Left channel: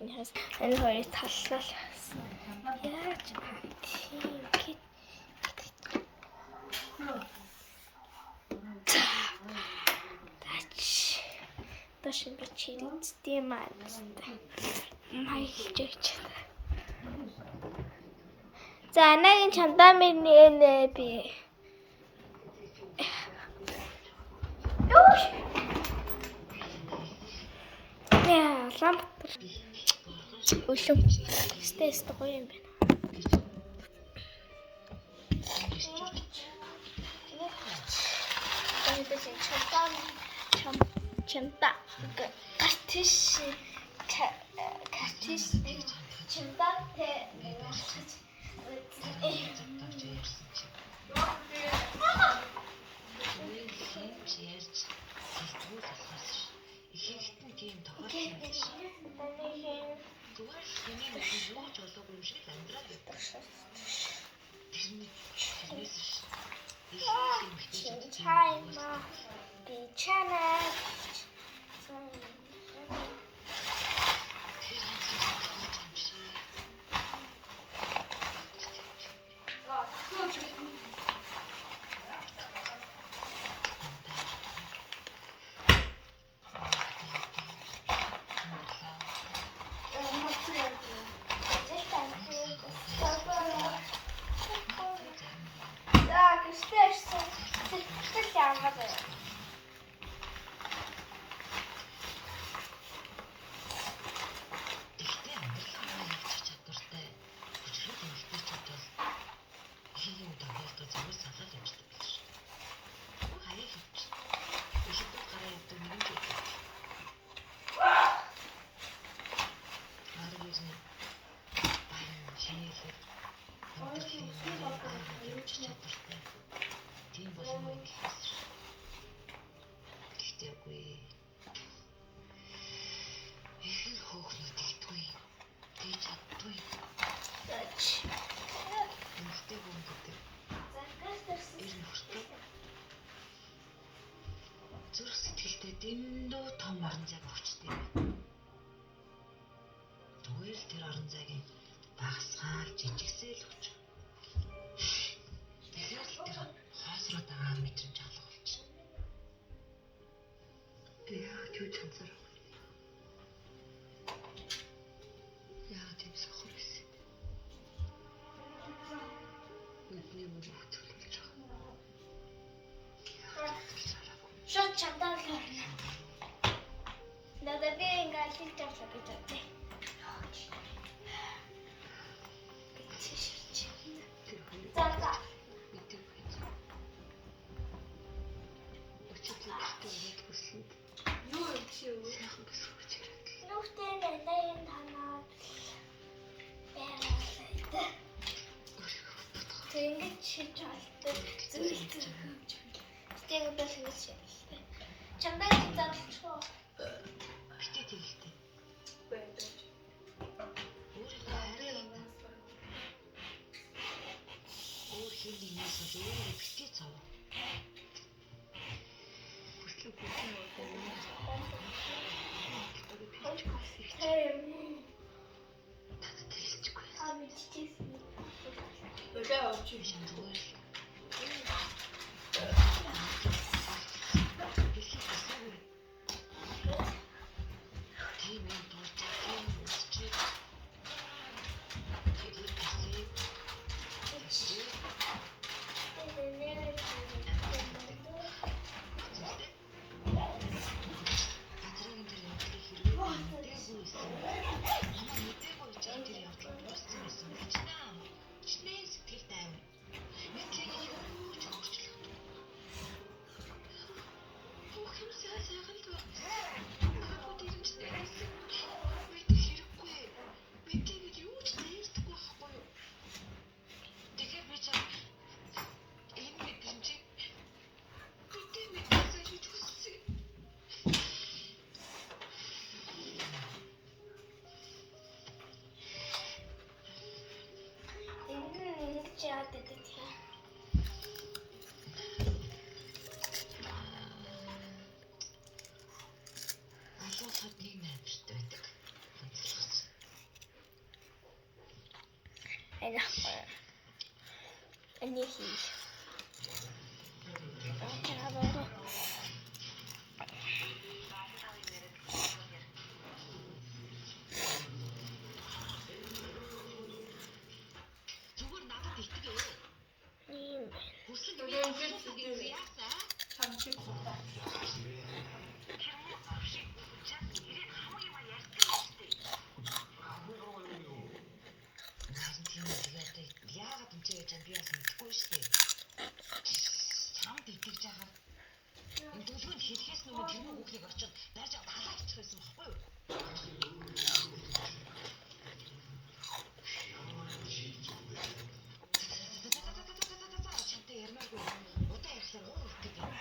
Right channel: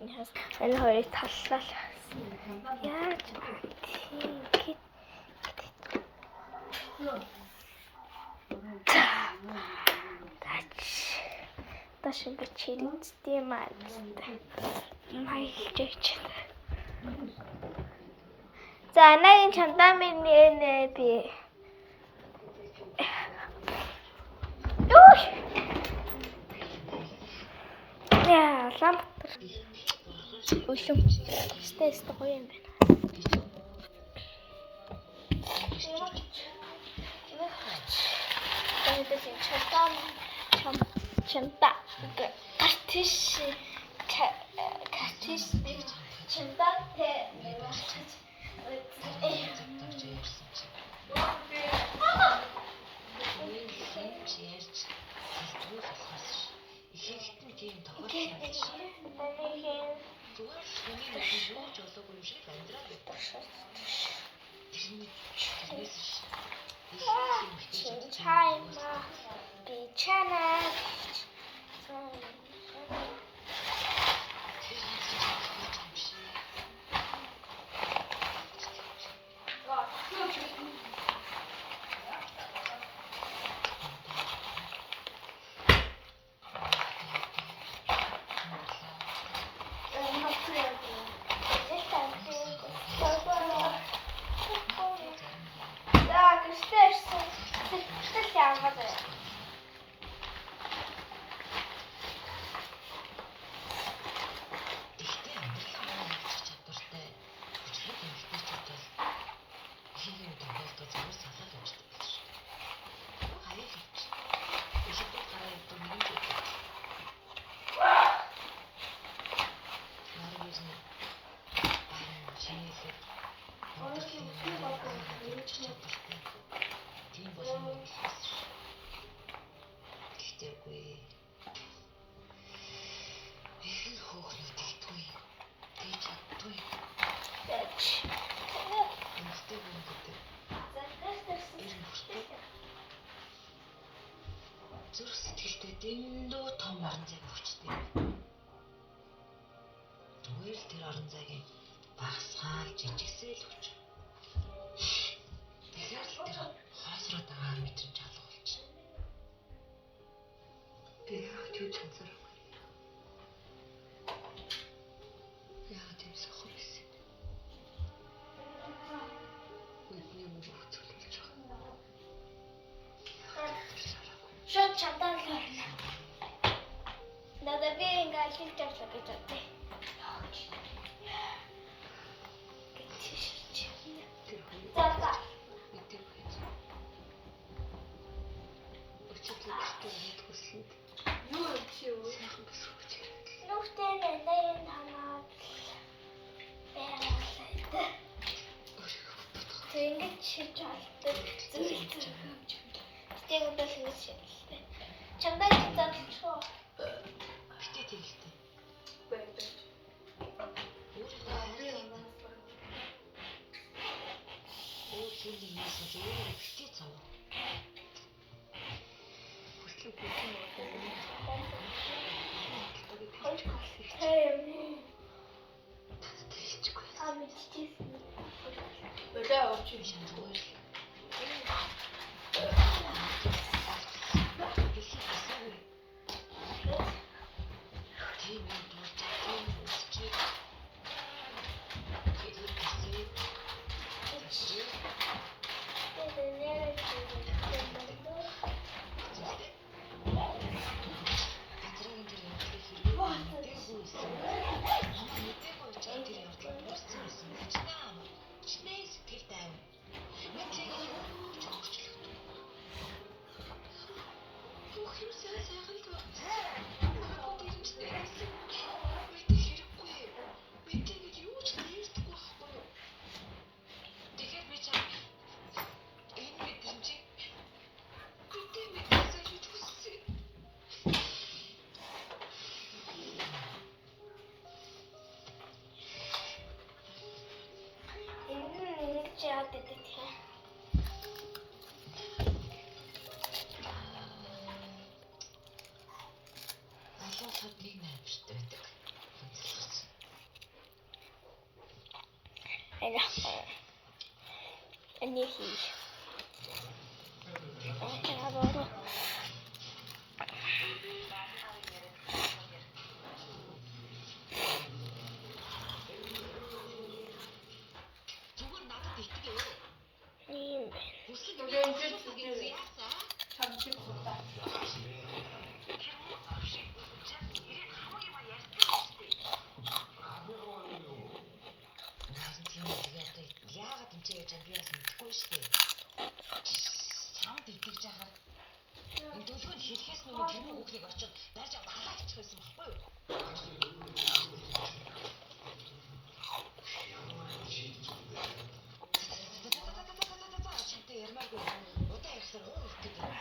Энэ хоёрыг таллаа. Яаж тийм гээд Таш ингэж хэрэгцдэг маань. Маялж. За анагийн чандаа минь нэ би. Яа, ламп. Өлөө. Стэйс гоё юм байна. Тэгээд чамта картиш чамта тэ Чайма бичана. Зүрх сэтгэлтэй дэндүү том орон зай өгчтэй. Зүгээр л тэр орон зайг багасгаал жижигсээл өгч. Тэгэхээр л тэр хоосроо дагаа мэдрэмж алга болчихно. Яа, юу чанцаар вэ? Яа, тийм сохор байсан. Бидний мөн хөтөлж байгаа. Шот чамдаа л орно. Надад би ингээл хилтэй шопж чаддаг. За. Юу чи юу? Нүхтэй нэлээд танаад баярлалаа. Тэнгэж шиж олдог зүйлтэй хэмж. Тэгээд бас ингэж шээ. Чамдаа чи задлчихоо. Битээ тэгтэй. Битээ цав. яахгүй. Энийг хий. Яагаад Зүгээр надад итгэе. ийм бэ? Яагаад юм чи гэж би бас мэдэхгүй шүү дээ. Чамд итгэж байгаа. Энэ төлөвөнд хэлхээс нөгөө тэр хүүхдийг очоод дайж аваад халаачих байсан байхгүй юу? Чамтай ярмааргүй. Удаа ярьсаар уур өгдөг юм.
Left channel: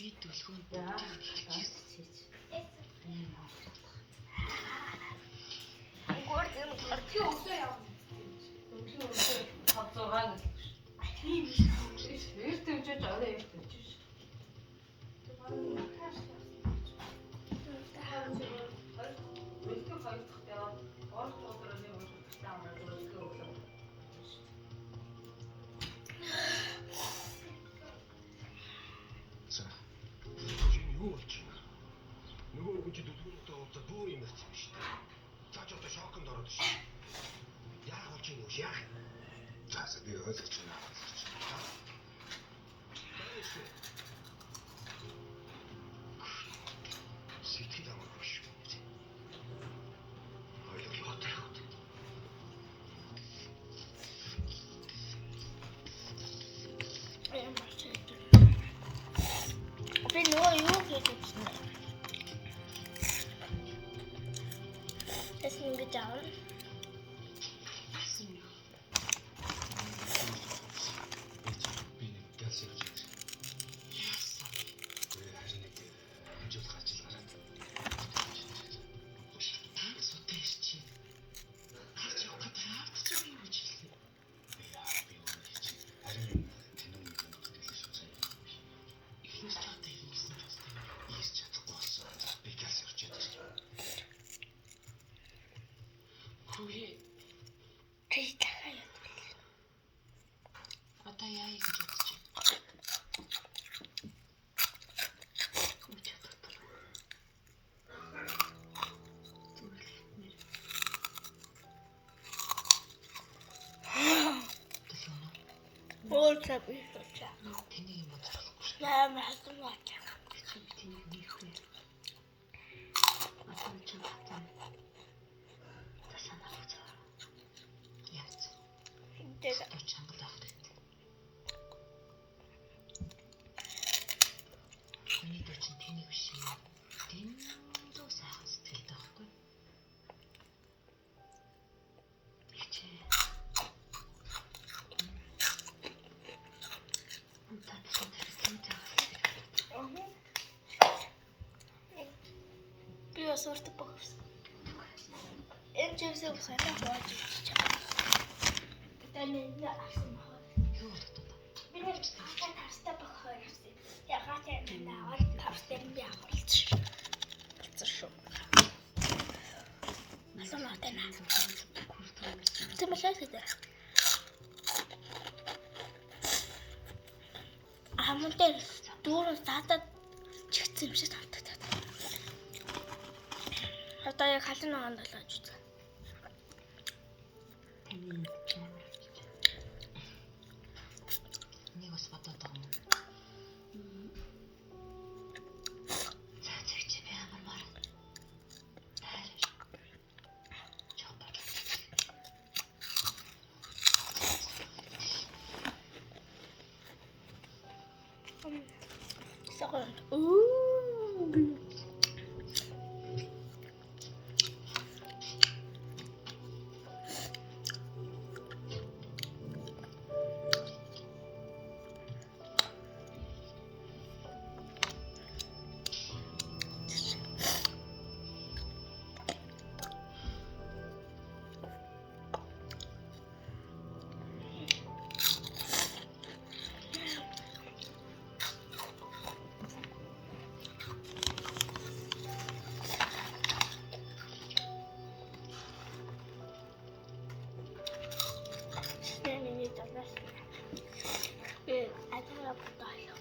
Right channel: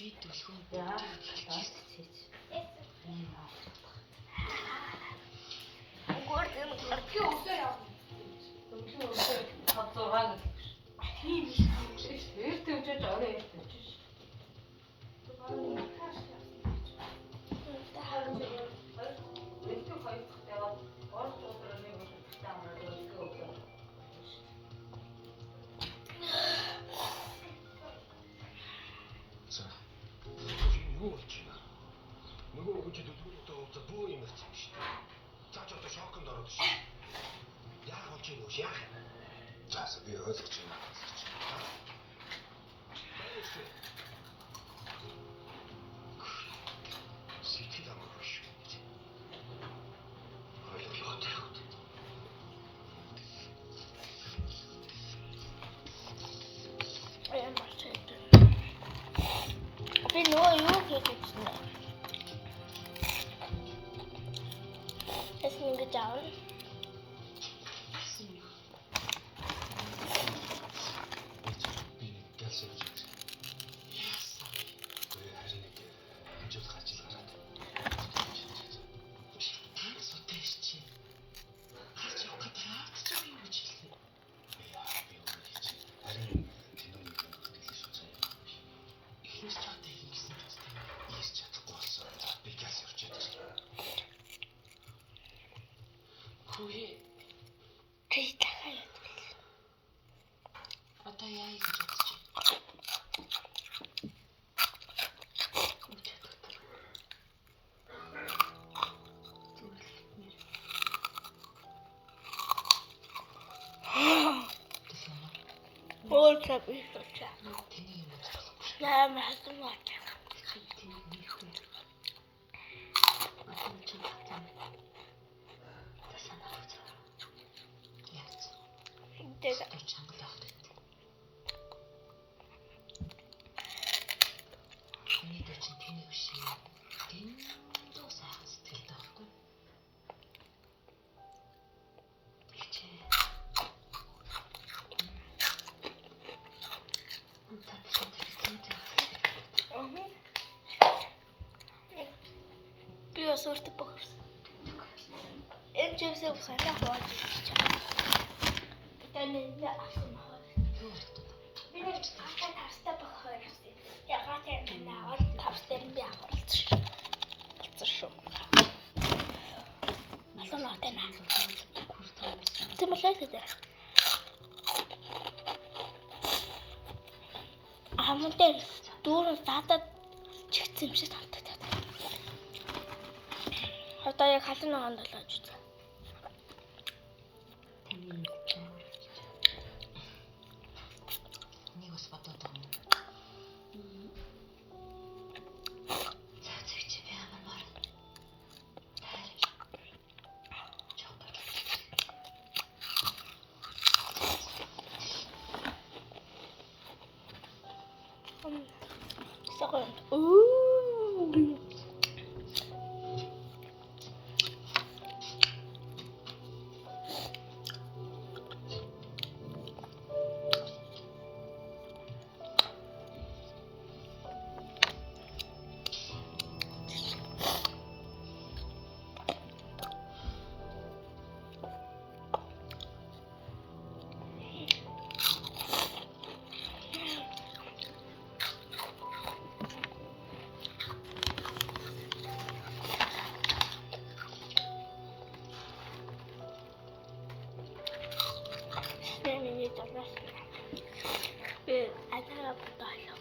Би төлөвөнд Юу болчихно? Нөгөө хүүхэд төлөвлөлтөд уулзаад бүү юм ярьсан шүү дээ. Цаач одоо шоконд ороод шүү. Яах болж юм уу? Яах? Зааса би ойлгож байна. Сэтгэл амаргүй шүү. Ойлголоо тавьд. Би нөгөө юу гэж хэлсэн бэ? Тэсний ингэж аав. Би нэг гэлс явж байгаа. Гэрээ харин нэг хэмжүүлэх ажил гараад. Сотэж чи. Харж явах гэж таавч юм гэж хэлсэн. Яа, би өөрөө хийж. Харин тэнэг нэг юм хэлсэн шүү заяа. Ихэнх чамтай хийсэн юм. Ийс чадахгүй болсон. Би гэлс явж байгаа. Хөөе. Тэг тахаа. Одоо яа гэж бодож байна? Өөр цаби шүүчээ. Тэний юм уу? Яамаа хатсан бач. Тэний нэрх үү? Атан чамтай. Тасанаа. Яц. Тэг Чангалаа хүрээд. Миний дээр чинь тэний биш юм. Тэндөө сайхан сэтгэлтэй байхгүй. Бичээ. би бас өөртөө бохорсон. Энэ чивсээ ухаалаа боож чаа. Тэний авсан бохор. Би нэг тавстаа бохор авсан. Ягаад юм наваад тавстаа би авалч. Болцсон шүү. Асуу тэнэ. Тэмэлээ гэдэг. Хамтдаа дүүрэн саатад Тэгсэн юм шиг тав. Одоо яг халуун ногоон долоож үзье. Таны амар авчиж. Нэг бас бодоод байгаа юм. За чи би амар мар. Тайлж. Чоппер. Second. Ooh. Миний дөрөс. Би атара бодоолоо.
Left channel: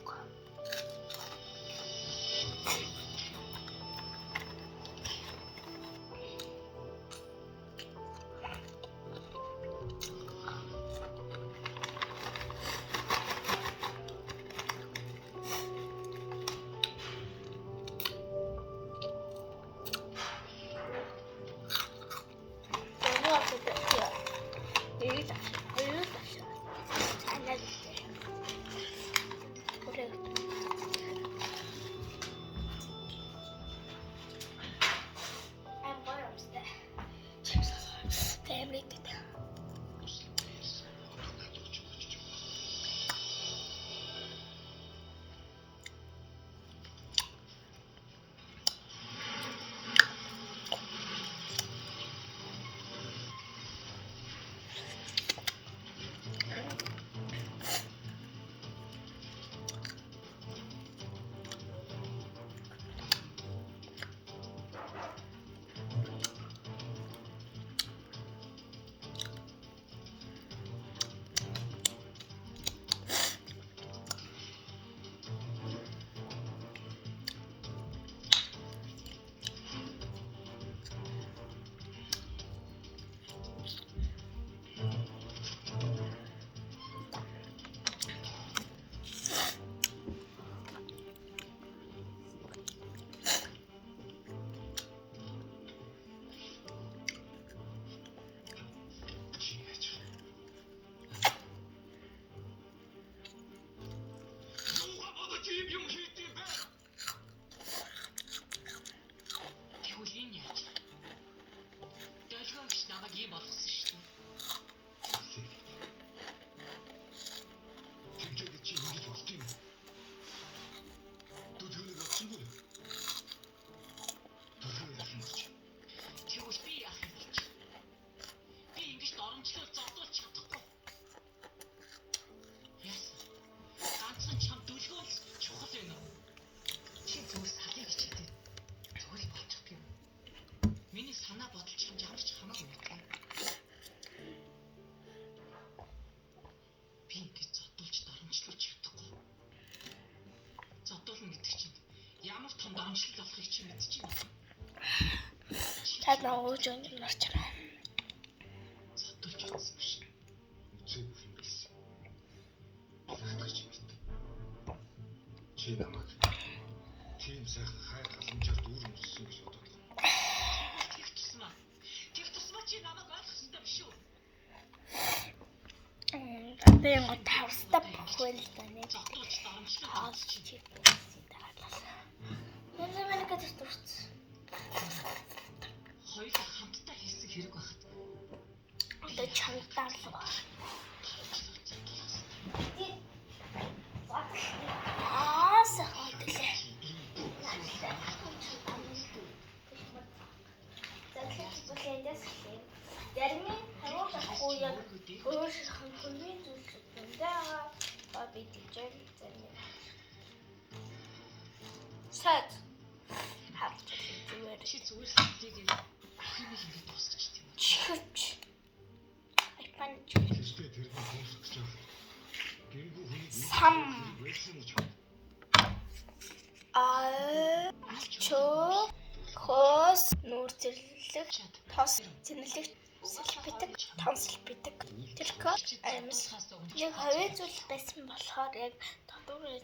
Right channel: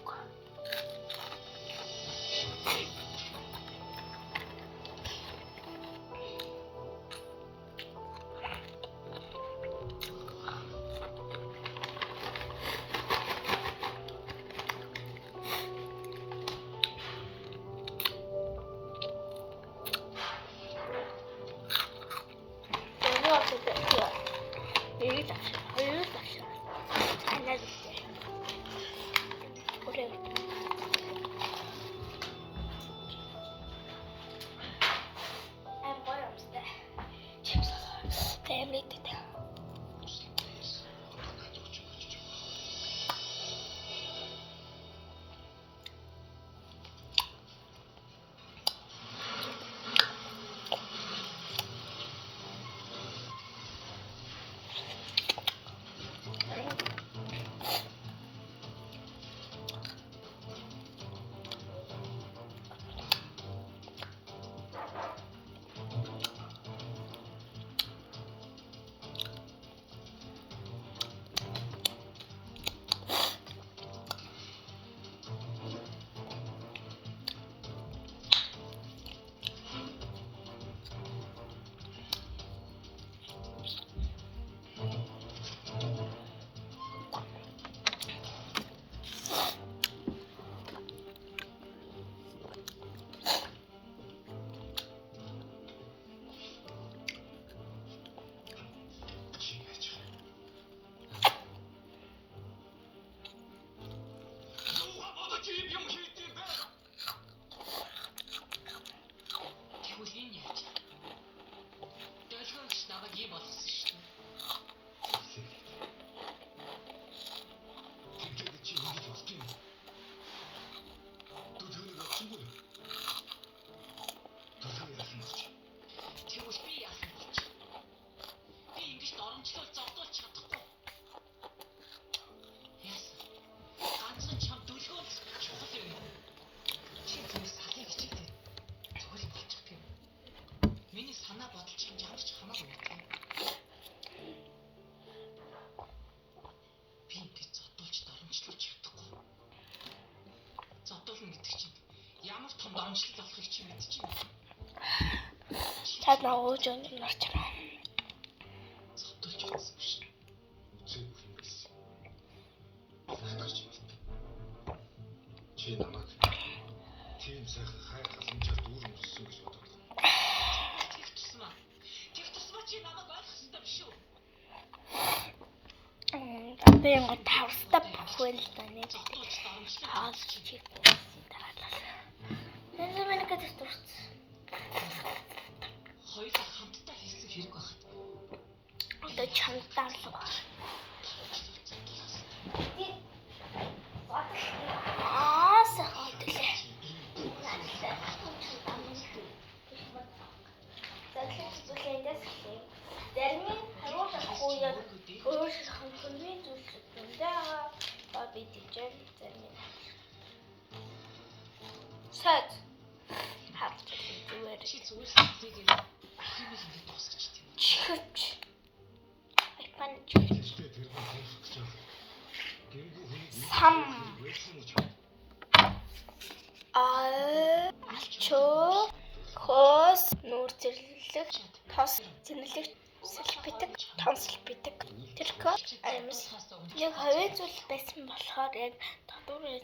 Амжилт авахыг чи мэдчихэв. Чад ногоож унарч байна. Сотолж байсан биш. Үзээгүй юм гэсэн. Хатгаж байна. Чи намайг тийм сайхан хайр халамжаар дүүр мөссөн гэж бодоод. Тэгэх тусмаа чи намайг ойлгох хэрэгтэй биш үү? Одоо юм тавстап бүхэл та нэг хаалж чиг. Нэзэмэнэкэс турц. Хоёулаа хамтдаа хийсэн хэрэг байхад. Одоо чамтаалга. Сахатлээ. Заглалцуулъяндас хэлээ. Зарим нь харуулахгүй яг өөр хамгийн зүйлсүүдээ ба би тийчээр зарим. Сад. Харж зүгээр. Чи зүгээр хэлээгээр хэмээл ингэ дуусгач тийм. Чүч. Айпан чүч. Тэстэй тэр нь дуусгах гэж байна. Гэргүй хүний Сам. алчуу, хөөс, нүүр зэрлэг, тос, зэнэлэг, сэлбитэг, тонсэлбитэг, тэрхүү, амьс. Яг хувийн зүйл байсан болохоор яг татвар нэг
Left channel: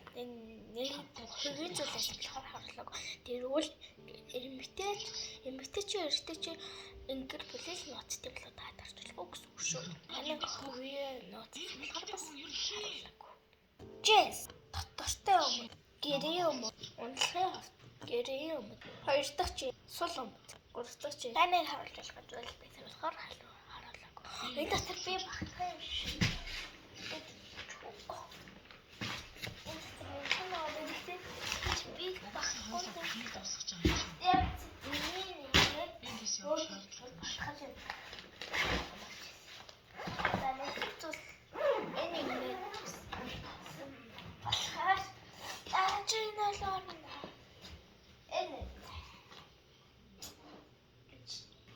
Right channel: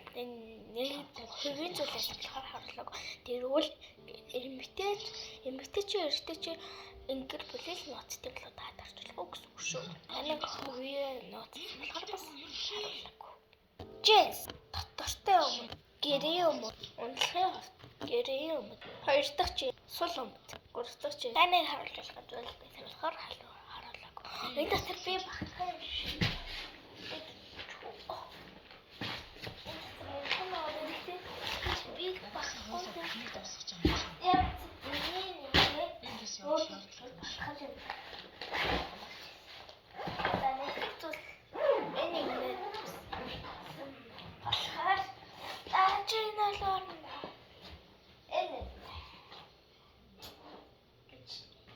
хувийн зүйлээс болохоор харлаг. Тэрвэл эмэгтэй чи ингэр бүлэл нууцтай болоо таарчлаа гэсэн үг шүү. Таныг хувийн нууц болохоор бас харуулаагүй. Джес дотортой өмнө гэрээ өмнө ундлахын хувьд гэрээ өмнө хоёр дахь чи сул өмнө гурав дахь чи таныг харуулж байгаа зүйл байсан болохоор харуулаагүй. Энэ дотор би багтаа юм шиг. Би багтаа Нэг тусах юм. яг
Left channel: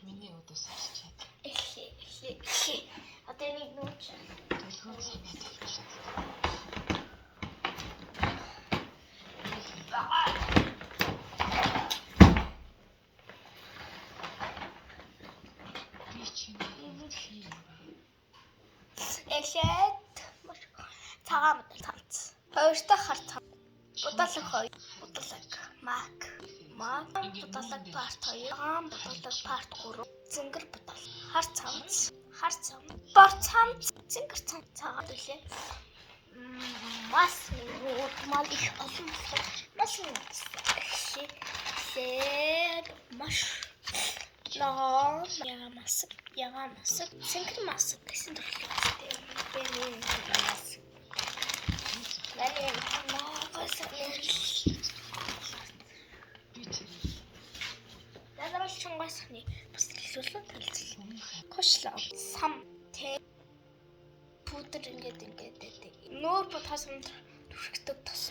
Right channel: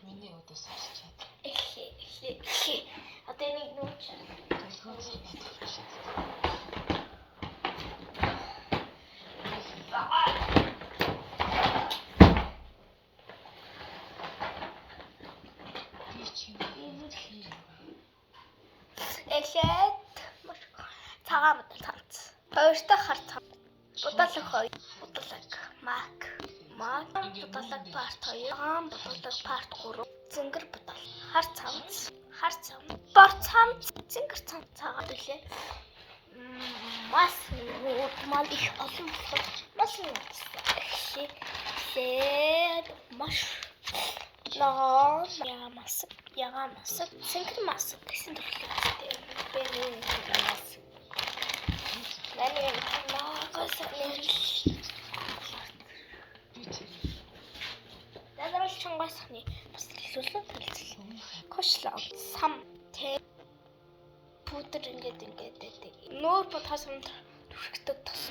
Миний өдөөс чад. одоо нэг нууч Төлхөө сайн байдаг шиг. Би чинь эхлээд цагаан бодол цамц. Хоёр дахь хар цамц. Будалаг хоёр. Будалаг мак. Будалаг парт 2. Хаан будалаг парт 3. Зингэр будал. Хар цамц. Бор цамц. Зингэр цамц цагаан төлөө. Мас мал их олон болохоор мас эхлээд маш ягаан маск, зингэр маск гэсэн төрлөختтэй. Дадрал чонгосхны бас төлөвлөлөө хэлсэн. Кошлог, сам, тэ пудр ингээд нүүр бодхоос өмнө түрхдэг тос.